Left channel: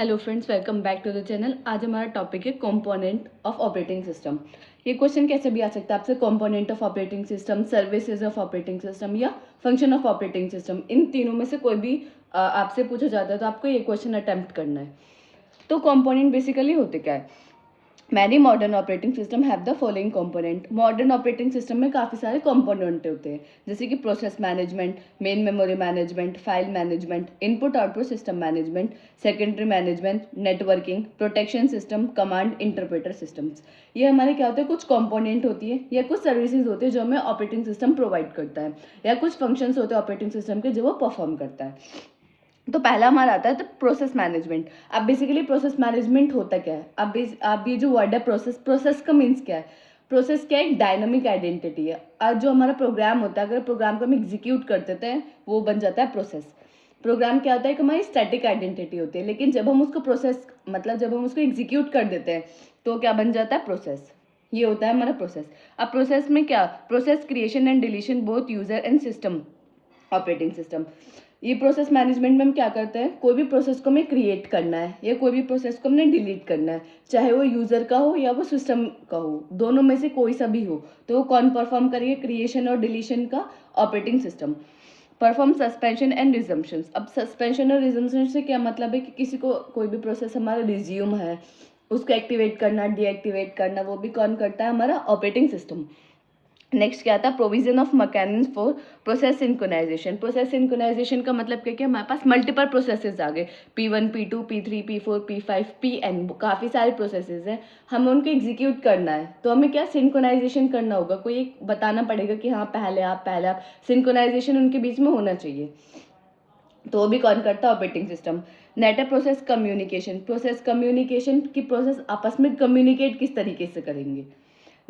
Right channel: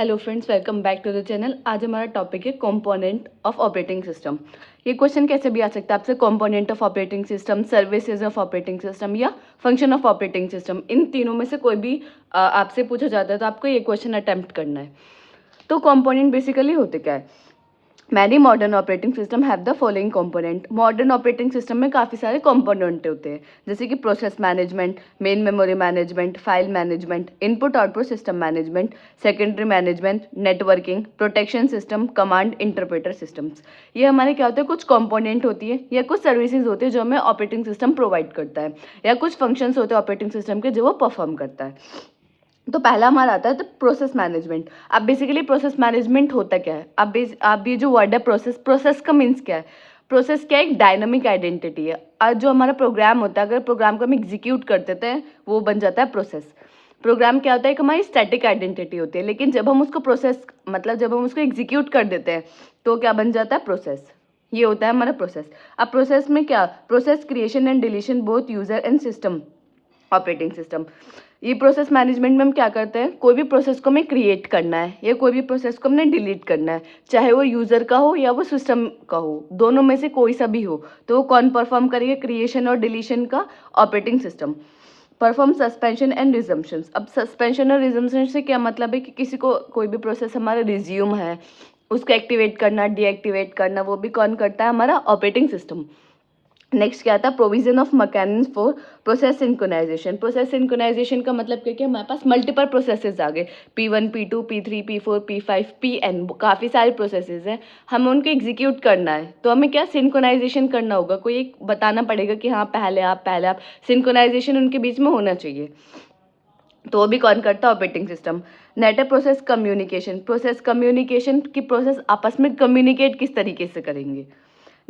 Hello friends, welcome back to the channel. आज हमारा topic है कंपोनेंट ऑफ ऑपरेटिंग सिस्टम। ये क्वेश्चन कैसे भी आ सकता है आपसे, component of operating system, services of operating system या फंक्शन ऑफ ऑपरेटिंग सिस्टम। इन तीनों में से कोई भी आपसे पूछा जाता है तो आपको ये क्वेश्चन अटेम्प्ट करना है। तो कंपोनेंट बेसिकली होते क्या है? Many modern operating system have the following component. Modern operating system में काफ़ी सारे कंपोनेंट होते हैं, जैसे कि process management, main memory management, file management, input output system management, secondary management, networking, protection system, command interpreter systems. ये हमारे क्या होते हैं, कुछ कंपोनेंट होती है या कुछ सर्विसेज होती है जो हमें ऑपरेटिंग सिस्टम प्रोवाइड करता है, या कुछ फंक्शंस होते हैं ऑपरेटिंग सिस्टम के जो वो परफॉर्म करता है। तो पहला हमारा आता है तो प्रोसेस मैनेजमेंट। अब बेसिकली प्रोसेस मैनेजमेंट होता क्या है? अब ये जो वर्ड है प्रोसेस, प्रोसेस का मीन्स क्या है? प्रोसेस क्या है? एक डायनामिक आइडेंटिटी है। और जो हमारा प्रोग्राम होता है, अगर प्रोग्राम को हम एग्जीक्यूट कर देते हैं वो बन जाता है प्रोसेस। प्रोग्राम क्या होता है? एक हमारी स्टैटिक आइडेंटिटी होती है, लेकिन जब हम उसको प्रोसेस मतलब जब हम उसको एग्जीक्यूट कर देते हैं तो क्या बन जाता है? प्रोसेस। ये होता है हमारा प्रोसेस। अब प्रोसेस में क्या? Process creation and deletion both user and system operating system. ये प्रोसेस मैनेजमेंट में हम क्या करते हैं, कोई भी प्रोसेस को हमें क्रिएट करना है या कोई भी प्रोसेस को हमने डिलीट करना है, चाहे वो यूज़र का हो या वो सिस्टम का हो, दोनों में से कोई सा भी हो, तो वो कौन परफॉर्म करेगा? क्रिएशन और डिलीशन का operating system. Perform suspension and resumption. अब सस्पेंशन और रिजम्पशन से क्या मतलब है कि किसी को कोई भी प्रोसेस हमारा रिज्यूम है, उसको एक्टिवेट करना, डीएक्टिवेट करना, वो भी कौन करता है? हमारा ऑपरेटिंग सिस्टम। नेक्स्ट क्या आता है? Provision of mechanism for process synchronization. Process synchronization का मतलब क्या? कि हमारे पास मल्टीपल प्रोसेसेस आ गए, P1, P2, P3, P4, P5, Pn, काफ़ी सारे प्रोसेसेस हैं, हमें उनको एग्जीक्यूट करना है, तो हमें क्या सिंक्रोनाइजेशन करना होगा। कोई एक बताना पड़ेगा कि हाँ पहले आप सिंक्रोनाइजेशन उनके बीच में होना चाहिए, तो वो भी कौन करता है? Operating system. Net process communication. Process communication की प्रोसेस आपस में कम्युनिकेट किस तरीके से करेंगे।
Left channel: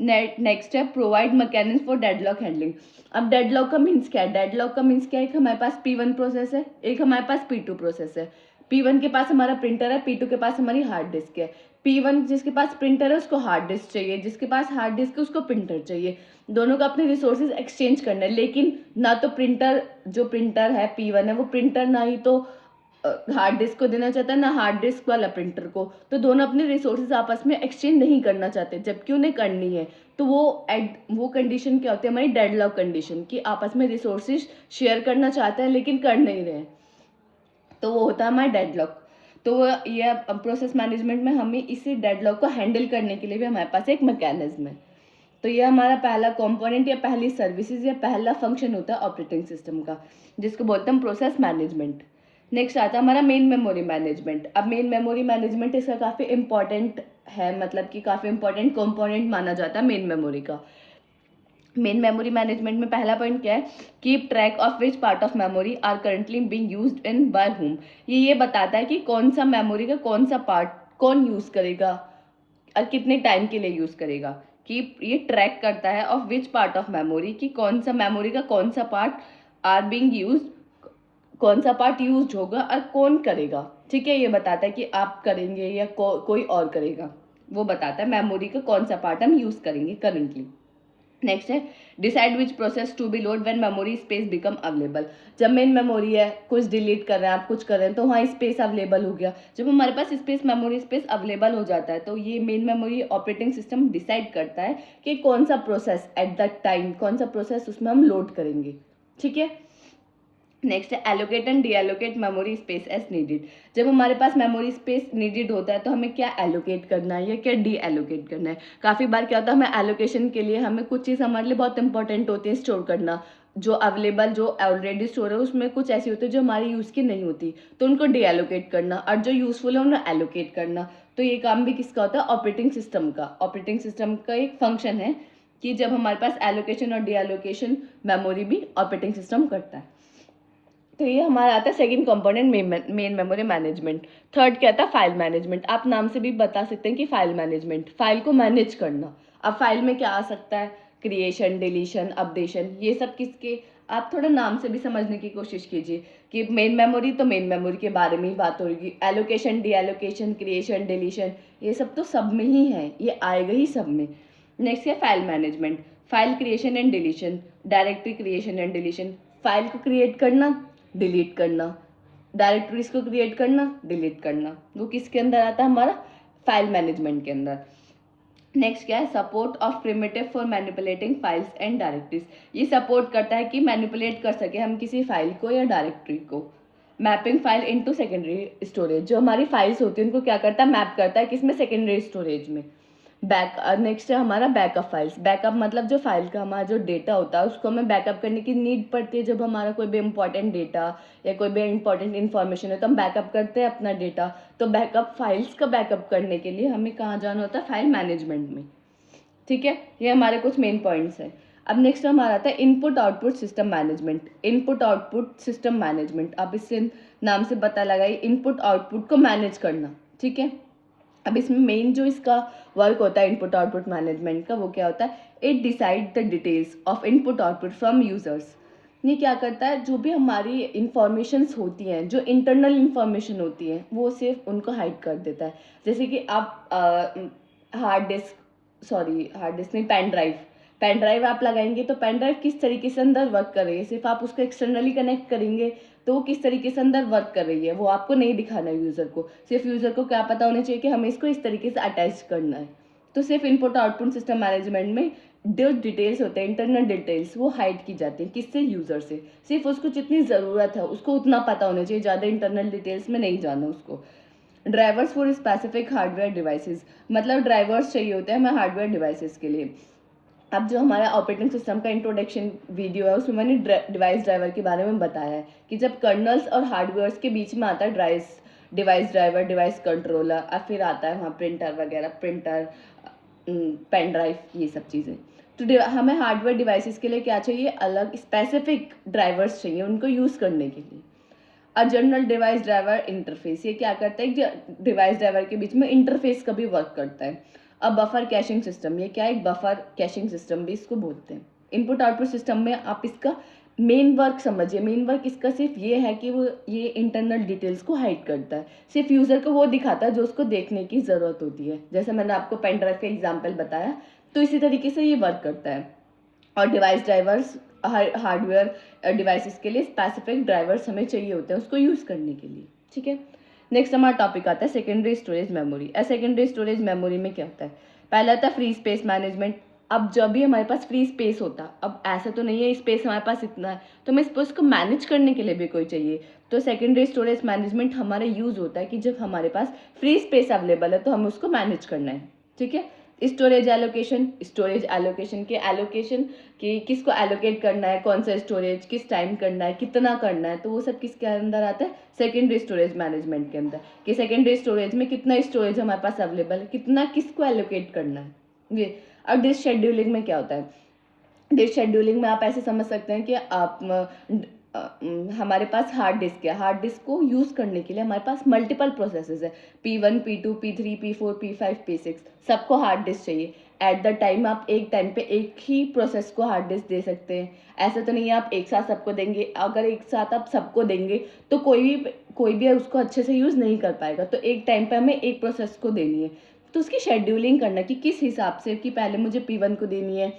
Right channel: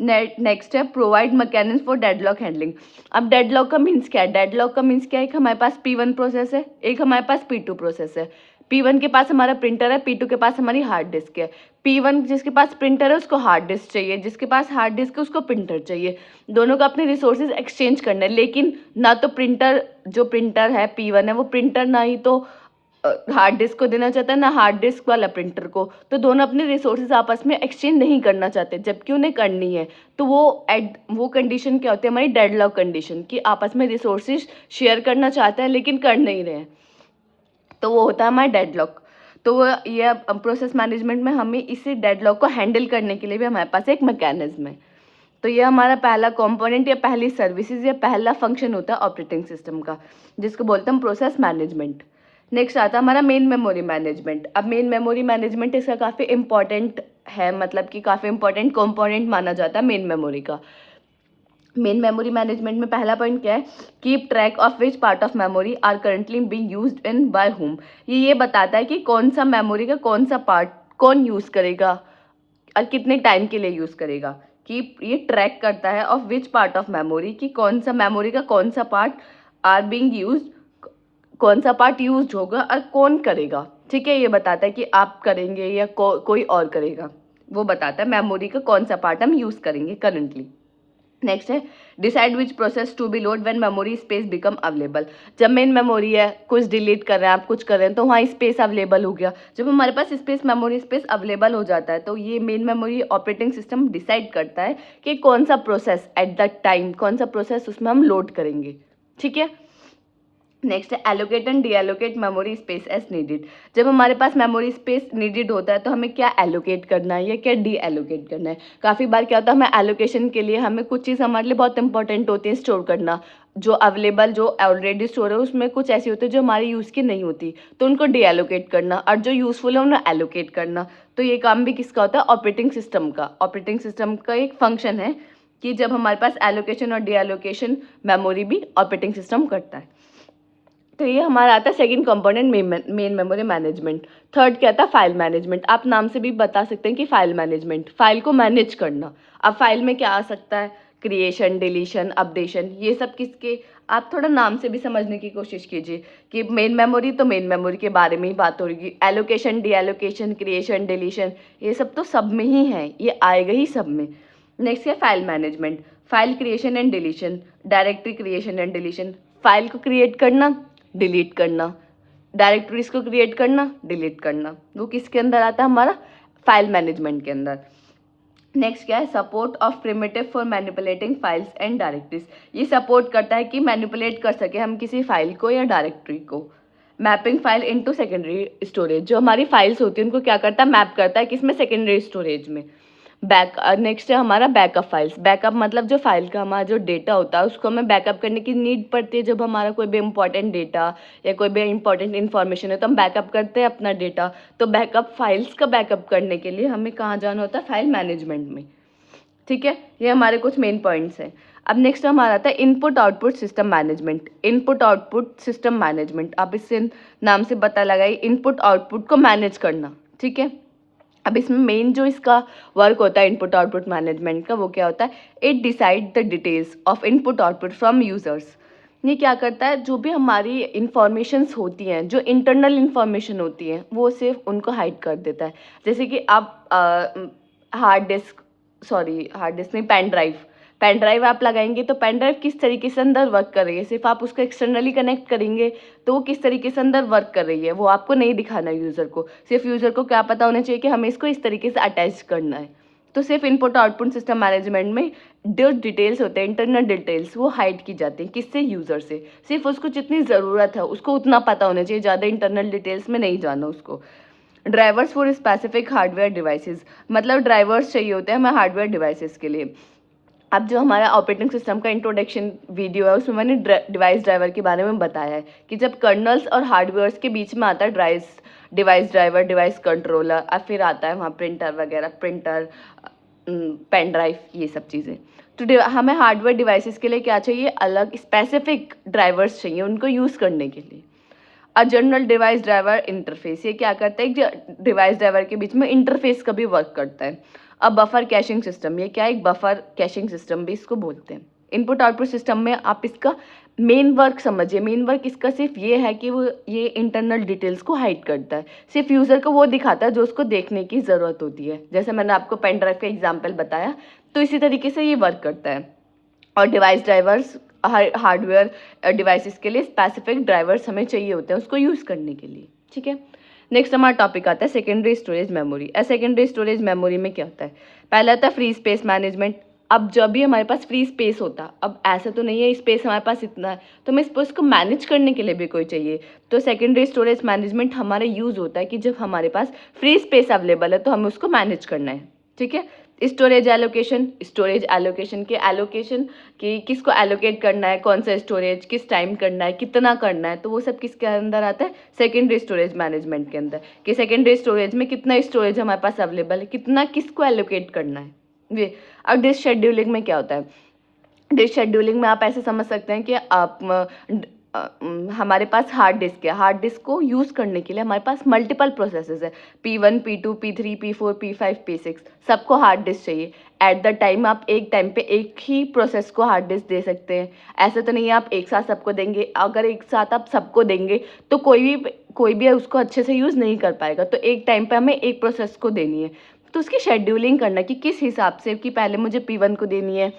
नेक्स्ट है provide mechanism for deadlock handling. अब डेडलॉक का मीन्स क्या है? डेडलॉक का मीन्स क्या है? एक हमारे पास P1 प्रोसेस है, एक हमारे पास P2 प्रोसेस है। P1 के पास हमारा प्रिंटर है, P2 के पास हमारी हार्ड डिस्क है। P1 जिसके पास प्रिंटर है उसको हार्ड डिस्क चाहिए, जिसके पास हार्ड डिस्क है उसको प्रिंटर चाहिए। दोनों को अपने रिसोर्सेज एक्सचेंज करना है, लेकिन ना तो प्रिंटर, जो प्रिंटर है P1 है वो प्रिंटर ना ही तो हार्ड डिस्क को देना चाहता है, ना हार्ड डिस्क वाला प्रिंटर को, तो दोनों अपने रिसोर्सेज आपस में एक्सचेंज नहीं करना चाहते, जबकि उन्हें करनी है। तो वो कंडीशन क्या होती है? हमारी डेडलॉक कंडीशन, कि आपस में रिसोर्सेज शेयर करना चाहते हैं लेकिन कर नहीं रहे हैं, तो वो होता है हमारा डेडलॉक। तो वो ये प्रोसेस मैनेजमेंट में हमें इसी डेडलॉक को हैंडल करने के लिए भी हमारे पास एक मैकेनिज्म है। तो ये हमारा पहला कंपोनेंट या पहली सर्विसेज या पहला फंक्शन होता है ऑपरेटिंग सिस्टम का, जिसको बोलते हैं प्रोसेस मैनेजमेंट। नेक्स्ट आता है हमारा मेन मेमोरी मैनेजमेंट। अब मेन मेमोरी मैनेजमेंट इसका काफ़ी इंपॉर्टेंट है, मतलब कि काफ़ी इंपॉर्टेंट कंपोनेंट माना जाता है मेन मेमोरी का। मेन मेमोरी मैनेजमेंट में पहला पॉइंट क्या है? Keep track of which part of memory are currently being used in by whom. ये बताता है कि कौन सा मेमोरी का कौन सा पार्ट कौन यूज़ करेगा और कितने टाइम के लिए यूज़ करेगा। कि ये ट्रैक करता है of which part of memory, कि कौन सा मेमोरी का कौन सा पार्ट आर बीइंग यूज, कौन सा पार्ट यूज होगा और कौन करेगा। ठीक है, ये बताता है कि आप करेंगे या कोई और करेगा, वो बताता है मेमोरी का कौन सा पार्ट हम यूज़ करेंगे करंटली। नेक्स्ट है decide which process to be load when memory space become available. जब मेन मेमोरी है, कुछ डिलीट कर रहे हैं आप, कुछ कर रहे हैं, तो वहाँ स्पेस अवेलेबल हो गया। जब हमारे पास स्पेस, मेमोरी स्पेस अवेलेबल हो जाता है, तो ये main memory operating system decide करता है कि कौन सा प्रोसेस एट द टाइम, कौन सा प्रोसेस उसमें हम लोड करेंगे। ठीक है। नेक्स्ट है allocate and deallocate memory space as needed. जब हमारे पास मेमोरी स्पेस नीडेड होता है तो हमें क्या एलोकेट करना है या क्या डी एलोकेट करना है। काफ़ी बार क्या होता है, हमें एलोकेशन के लिए हमें कुछ चीज़ हमारे लिए बहुत इंपॉर्टेंट होती है स्टोर करना, जो अवेलेबल, जो ऑलरेडी स्टोर है उसमें कुछ ऐसी होती है जो हमारे यूज़ की नहीं होती, तो उनको डी एलोकेट करना, और जो यूज़फुल है उन्हें एलोकेट करना। तो ये काम भी किसका होता है? ऑपरेटिंग सिस्टम का। ऑपरेटिंग सिस्टम का एक फंक्शन है कि जब हमारे पास एलोकेशन और डी एलोकेशन मेमोरी भी ऑपरेटिंग सिस्टम करता है। तो ये हमारा आता है second component main memory management. Third क्या था? File management. आप नाम से भी बता सकते हैं कि फाइल मैनेजमेंट, फाइल को मैनेज करना। अब फाइल में क्या आ सकता है? क्रिएशन, डिलीशन, अपडेशन, ये सब किसके, आप थोड़ा नाम से भी समझने की कोशिश कीजिए कि मेन मेमोरी, तो मेन मेमोरी के बारे में ही बात हो रही। Allocation, D allocation, creation, deletion, ये सब तो सब में ही है, ये आएगा ही सब में। नेक्स्ट है file management. File creation and deletion, directory creation and deletion, file को क्रिएट करना, डिलीट करना, डायरेक्टरीज को क्रिएट करना, डिलीट करना, वो किसके अंदर आता है, हमारा फाइल मैनेजमेंट के अंदर। नेक्स्ट क्या है, support of primitive for manipulating files and directories. ये सपोर्ट करता है कि मैनिपुलेट कर सके हम किसी फाइल को या डायरेक्टरी को। Mapping file into secondary storage, जो हमारी फाइल्स होती है उनको क्या करता है, मैप करता है किसमें, सेकेंडरी स्टोरेज में। नेक्स्ट है हमारा बैकअप फाइल्स। बैकअप मतलब जो फाइल का हमारा जो डेटा होता है उसको हमें बैकअप करने की नीड पड़ती है। जब हमारा कोई भी इंपॉर्टेंट डेटा या कोई भी इंपॉर्टेंट इन्फॉर्मेशन है तो हम बैकअप करते हैं अपना डेटा। तो बैकअप फाइल्स का बैकअप करने के लिए हमें कहाँ जाना होता है, फाइल मैनेजमेंट में। ठीक है, ये हमारे कुछ मेन पॉइंट्स हैं। अब नेक्स्ट हमारा आता है input output system management. Input output system management, आप इससे नाम से पता लगाइए, इनपुट आउटपुट को मैनेज करना। ठीक है, अब इसमें मेन जो इसका वर्क होता है इनपुट आउटपुट मैनेजमेंट का, वो क्या होता है, it decide the details of input output from users. ये क्या करता है, जो भी हमारी इंफॉर्मेशंस होती हैं, जो इंटरनल इंफॉर्मेशन होती है, वो सिर्फ उनको हाइड कर देता है। जैसे कि आप हार्ड डिस्क नहीं, पेन ड्राइव आप लगाएंगे तो पेन ड्राइव किस तरीके से अंदर वर्क कर रही है, सिर्फ आप उसको एक्सटर्नली कनेक्ट करेंगे तो वो किस तरीके से अंदर वर्क कर रही है वो आपको नहीं दिखाना यूज़र को। सिर्फ यूज़र को क्या पता होना चाहिए कि हमें इसको इस तरीके से अटैच करना है। तो सिर्फ इनपुट आउटपुट सिस्टम मैनेजमेंट में जो डिटेल्स होते हैं, इंटरनल डिटेल्स, वो हाइड की जाती हैं। किससे, यूज़र से। सिर्फ उसको जितनी ज़रूरत है उसको उतना पता होना चाहिए, ज़्यादा इंटरनल डिटेल्स में नहीं जाना उसको। Drivers for specific hardware devices, मतलब ड्राइवर्स चाहिए होते हैं हमें हार्डवेयर डिवाइसेस के लिए। अब जो हमारा ऑपरेटिंग सिस्टम का इंट्रोडक्शन वीडियो है उसमें मैंने डिवाइस ड्राइवर के बारे में बताया है कि जब कर्नल्स और हार्डवेयर्स के बीच में आता है डिवाइस ड्राइवर, डिवाइस कंट्रोलर, और फिर आता है वहाँ प्रिंटर वगैरह, प्रिंटर, पेन ड्राइव, ये सब चीज़ें। तो हमें हार्डवेयर डिवाइसेस के लिए क्या चाहिए, अलग स्पेसिफिक ड्राइवर्स चाहिए उनको यूज़ करने के लिए। A general device driver interface, ये क्या करता है, डिवाइस ड्राइवर के बीच में इंटरफेस का भी वर्क करता है। अब बफर कैशिंग सिस्टम, ये क्या है, एक बफर कैशिंग सिस्टम भी इसको बोलते हैं। इनपुट आउटपुट सिस्टम में आप इसका मेन वर्क समझिए। मेन वर्क इसका सिर्फ ये है कि वो ये इंटरनल डिटेल्स को हाइड करता है, सिर्फ यूज़र को वो दिखाता है जो उसको देखने की ज़रूरत होती है। जैसे मैंने आपको पेन ड्राइव का एग्जाम्पल बताया, तो इसी तरीके से ये वर्क करता है। और डिवाइस ड्राइवर्स हार्डवेयर डिवाइसेस के लिए स्पेसिफिक ड्राइवर्स हमें चाहिए होते हैं उसको यूज़ करने के लिए। ठीक है, नेक्स्ट हमारा टॉपिक आता है secondary storage memory. Secondary storage memory में क्या होता है, पहला आता है फ्री स्पेस मैनेजमेंट। अब जब भी हमारे पास फ्री स्पेस होता, अब ऐसा तो नहीं है स्पेस हमारे पास इतना है, तो हमें स्पेस को मैनेज करने के लिए भी कोई चाहिए। तो सेकेंडरी स्टोरेज मैनेजमेंट हमारे यूज़ होता है कि जब हमारे पास फ्री स्पेस अवेलेबल है तो हमें उसको मैनेज करना है। ठीक है, स्टोरेज एलोकेशन के एलोकेशन कि किसको एलोकेट करना है, कौन सा स्टोरेज किस टाइम करना है, कितना करना है, तो वो सब किसके अंदर आता है, सेकेंडरी स्टोरेज मैनेजमेंट के अंदर। कि सेकेंडरी स्टोरेज में कितना स्टोरेज हमारे पास अवेलेबल है, कितना किसको एलोकेट करना है ये। अब डिस्क शेड्यूलिंग में क्या होता है, डिस्क शेड्यूलिंग में आप ऐसे समझ सकते हैं कि आप हमारे पास हार्ड डिस्क है, हार्ड डिस्क को यूज़ करने के लिए हमारे पास मल्टीपल प्रोसेसेस है, P1 P2 P3 P4 P5 P6, सबको हार्ड डिस्क चाहिए। एट द टाइम आप एक टाइम पे एक ही प्रोसेस को हार्ड डिस्क दे सकते हैं। ऐसा तो नहीं है आप एक साथ सबको देंगे, अगर एक साथ आप सबको देंगे तो कोई भी उसको अच्छे से यूज़ नहीं कर पाएगा। तो एक टाइम पे हमें एक प्रोसेस को देनी है, तो उसकी शेड्यूलिंग करना कि किस हिसाब से, कि पहले मुझे P1 को देनी है,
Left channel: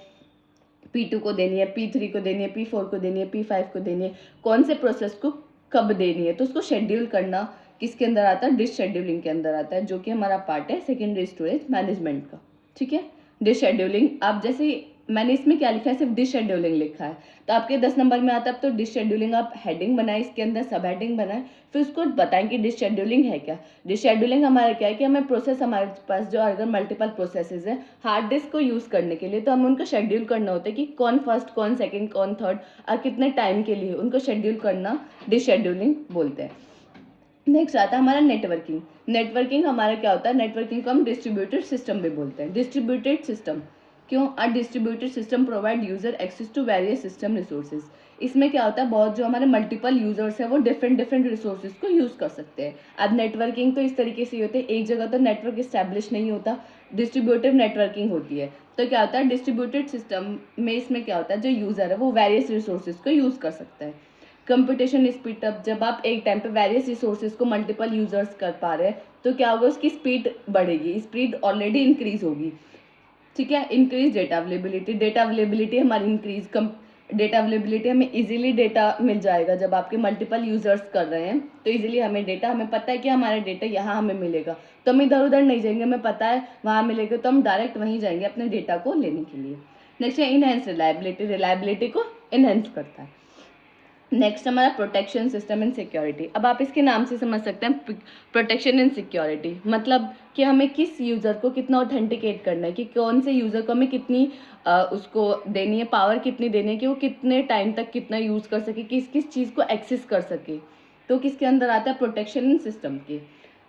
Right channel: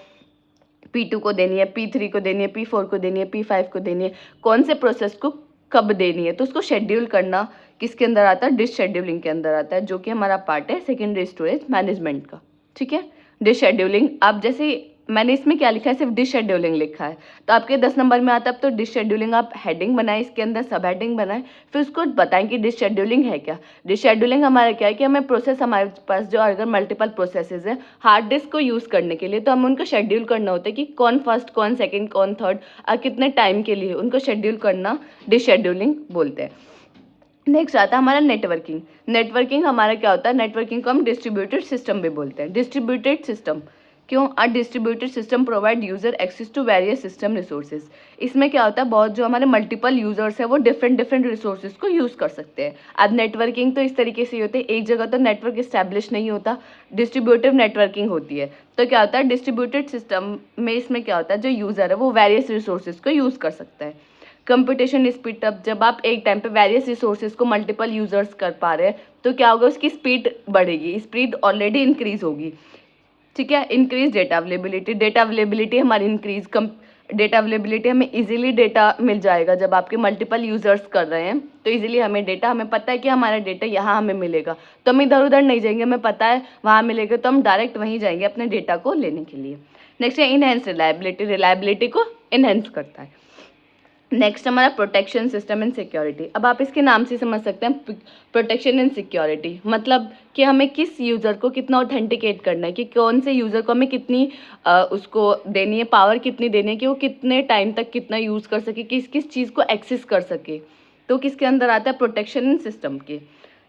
P2 को देनी है, P3 को देनी है, P4 को देनी है, P5 को देनी है, कौन से प्रोसेस को कब देनी है, तो उसको शेड्यूल करना किसके अंदर आता है, डिस्क शेड्यूलिंग के अंदर आता है, जो कि हमारा पार्ट है सेकेंडरी स्टोरेज मैनेजमेंट का। ठीक है, डिस्क शेड्यूलिंग, आप जैसे मैंने इसमें क्या लिखा है, सिर्फ डिस्क शेड्यूलिंग लिखा है, तो आपके 10 नंबर में आता है। अब तो डिस्क शेड्यूलिंग आप हेडिंग बनाए, इसके अंदर सब हेडिंग बनाए, फिर उसको बताएं कि डिस्क शेड्यूलिंग है क्या। डिस्क शेड्यूलिंग हमारा क्या है कि हमें प्रोसेस, हमारे पास जो अगर मल्टीपल प्रोसेसेस है हार्ड डिस्क को यूज़ करने के लिए, तो हमें उनको शेड्यूल करना होता है कि कौन फर्स्ट, कौन सेकेंड, कौन थर्ड, और कितने टाइम के लिए उनको शेड्यूल करना डिस्क शेड्यूलिंग बोलते हैं। नेक्स्ट आता है हमारा नेटवर्किंग। नेटवर्किंग हमारा क्या होता है, नेटवर्किंग को हम डिस्ट्रीब्यूटेड सिस्टम भी बोलते हैं। डिस्ट्रीब्यूटेड सिस्टम क्यों, uh distributed system provide user access to various system resources. इसमें क्या होता है, बहुत जो हमारे मल्टीपल यूजर्स हैं वो डिफरेंट रिसोर्सेज को यूज़ कर सकते हैं। अब नेटवर्किंग तो इस तरीके से होती है, एक जगह तो नेटवर्क इस्टेब्लिश नहीं होता, डिस्ट्रीब्यूटिव नेटवर्किंग होती है। तो क्या होता है डिस्ट्रीब्यूटेड सिस्टम में, इसमें क्या होता है, जो यूज़र है वो वेरियस रिसोर्सेज को यूज़ कर सकता है। कंप्यूटेशन स्पीड अप, जब आप एक टाइम पे वेरियस रिसोर्सेज को मल्टीपल यूजर्स कर पा रहे हैं तो क्या होगा, उसकी स्पीड बढ़ेगी, स्पीड ऑलरेडी इंक्रीज होगी। ठीक है, increase data availability, data availability हमारी इंक्रीज, कम डेटा अवेलेबिलिटी, हमें इजीली डेटा मिल जाएगा जब आपके मल्टीपल यूजर्स कर रहे हैं तो इजीली हमें डेटा, हमें पता है कि हमारा डेटा यहाँ हमें मिलेगा तो हम इधर उधर नहीं जाएंगे, हमें पता है वहाँ मिलेगा तो हम डायरेक्ट वहीं जाएंगे अपने डेटा को लेने के लिए। नेक्स्ट है इनहेंस रिलायबिलिटी, रिलायबिलिटी को इनहेंस करता है। नेक्स्ट हमारा प्रोटेक्शन सिस्टम एंड सिक्योरिटी। अब आप इसके नाम से समझ सकते हैं प्रोटेक्शन एंड सिक्योरिटी मतलब कि हमें किस यूज़र को कितना ऑथेंटिकेट करना है, कि कौन से यूज़र को हमें कितनी उसको देनी है, पावर कितनी देनी है कि वो कितने टाइम तक कितना यूज़ कर सके, किस किस चीज़ को एक्सेस कर सके। तो किसके अंदर आता है, प्रोटेक्शन एंड सिस्टम के।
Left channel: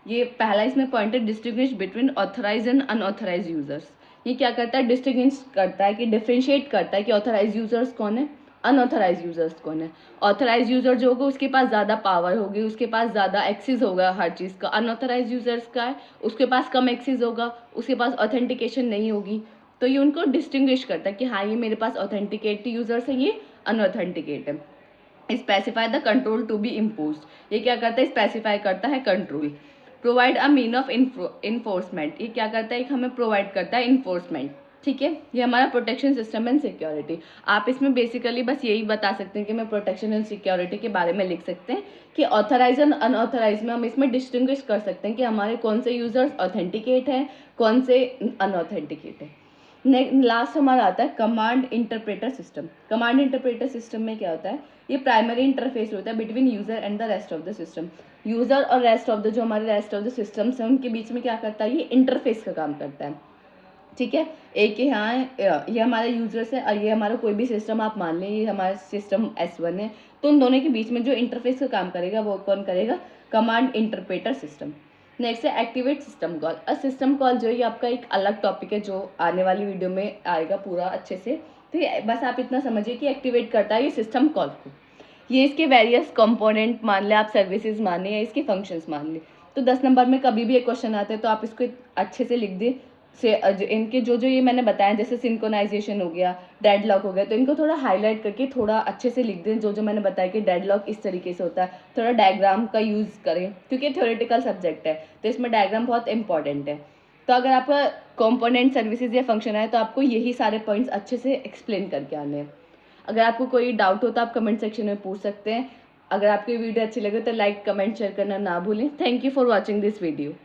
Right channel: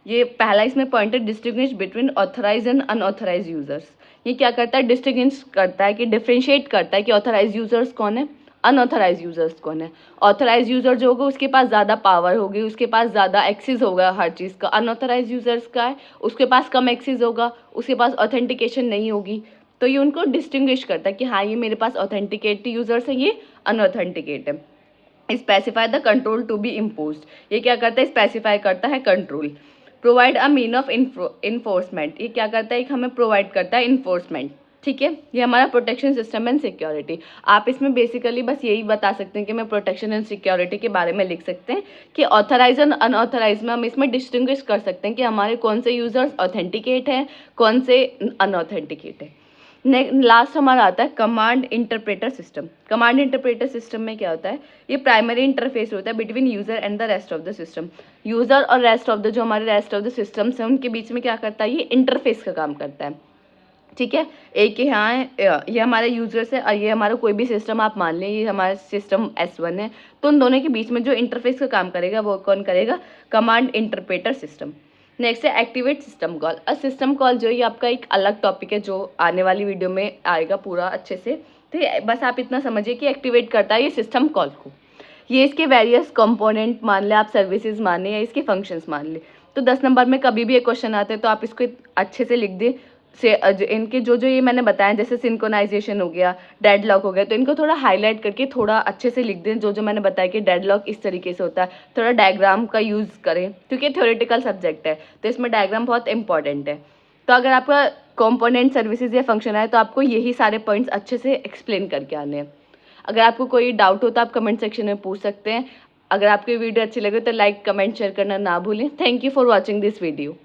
ये पहला इसमें पॉइंट है distinguish between authorize and unauthorize users. ये क्या करता है, डिस्टिंग्विश करता है कि डिफ्रेंशिएट करता है कि ऑथराइज यूजर्स कौन है, अनऑथराइज यूजर्स कौन है। ऑथराइज यूजर जो होगा उसके पास ज़्यादा पावर होगी, उसके पास ज़्यादा एक्सेस होगा हर चीज़ का। अनऑथराइज यूजर्स का है उसके पास कम एक्सेस होगा, उसके पास ऑथेंटिकेशन नहीं होगी। तो ये उनको डिस्टिंग्विश करता है कि हाँ ये मेरे पास ऑथेंटिकेट यूजर्स है, ये अनऑथेंटिकेट है। Specify the control to be imposed. ये क्या करता है, स्पेसिफाई करता है control. Provide a mean of enforcement. ये क्या करता है, एक हमें प्रोवाइड करता है इन्फोर्समेंट। ठीक है, ये हमारा प्रोटेक्शन सिस्टम एंड सिक्योरिटी। आप इसमें बेसिकली बस यही बता सकते हैं कि मैं प्रोटेक्शन एंड सिक्योरिटी के बारे में लिख सकते हैं कि ऑथराइज एंड अनऑथराइज में हम इसमें डिस्टिंग्विश कर सकते हैं कि हमारे कौन से यूजर्स ऑथेंटिकेट हैं, कौन से अनऑथेंटिकेट है। लास्ट हमारा आता है command interpreter system. Command interpreter system में क्या होता है, ये प्राइमरी इंटरफेस होता है between user and the rest of the system. User और रेस्ट ऑफ द जो हमारे रेस्ट ऑफ द सिस्टम्स हैं उनके बीच में क्या करता है, ये इंटरफेस का काम करता है। ठीक है, एक यहाँ है, ये हमारे यूजर्स है और ये हमारा कोई भी सिस्टम आप मान लें, ये हमारा सिस्टम S1 है। तो उन दोनों के बीच में जो इंटरफेस का काम करेगा वो कौन करेगा, कमांड इंटरप्रेटर सिस्टम। नेक्स्ट है activate system call. System call जो ये आपका एक अलग टॉपिक है जो आने वाली वीडियो में आएगा पूरा अच्छे से। तो बस आप इतना समझिए कि एक्टिवेट करता है ये सिस्टम कॉल को। ये इसके वेरियस कंपोनेंट मान लें, आप सर्विसेज मान लें या इसके फंक्शंस मान लें। तो 10 नंबर में कभी भी एक क्वेश्चन आता है तो आप इसको अच्छे से लिख दें। से इनके जो जो ये मैंने बताया जैसे सिंक्रोनाइजेशन हो गया, डेडलॉक हो गया, तो इनको थोड़ा हाईलाइट करके थोड़ा अच्छे से लिख दें। जो जो मैंने बताया कि डेडलॉक इस तरीके से होता है, थोड़ा डायग्राम का यूज़ करें क्योंकि थ्योरेटिकल सब्जेक्ट है तो इसमें डायग्राम बहुत इंपॉर्टेंट है। तो अगर आपका कंपोनेंट सर्विसेज या फंक्शन है तो आपको यही सारे पॉइंट्स अच्छे से एक्सप्लेन करके आने हैं। अगर आपको कोई डाउट हो तो आप कमेंट सेक्शन में पूछ सकते हैं। अगर आपकी वीडियो अच्छी लगे तो लाइक, कमेंट, शेयर करना ना भूलें। Thank you for watching this video.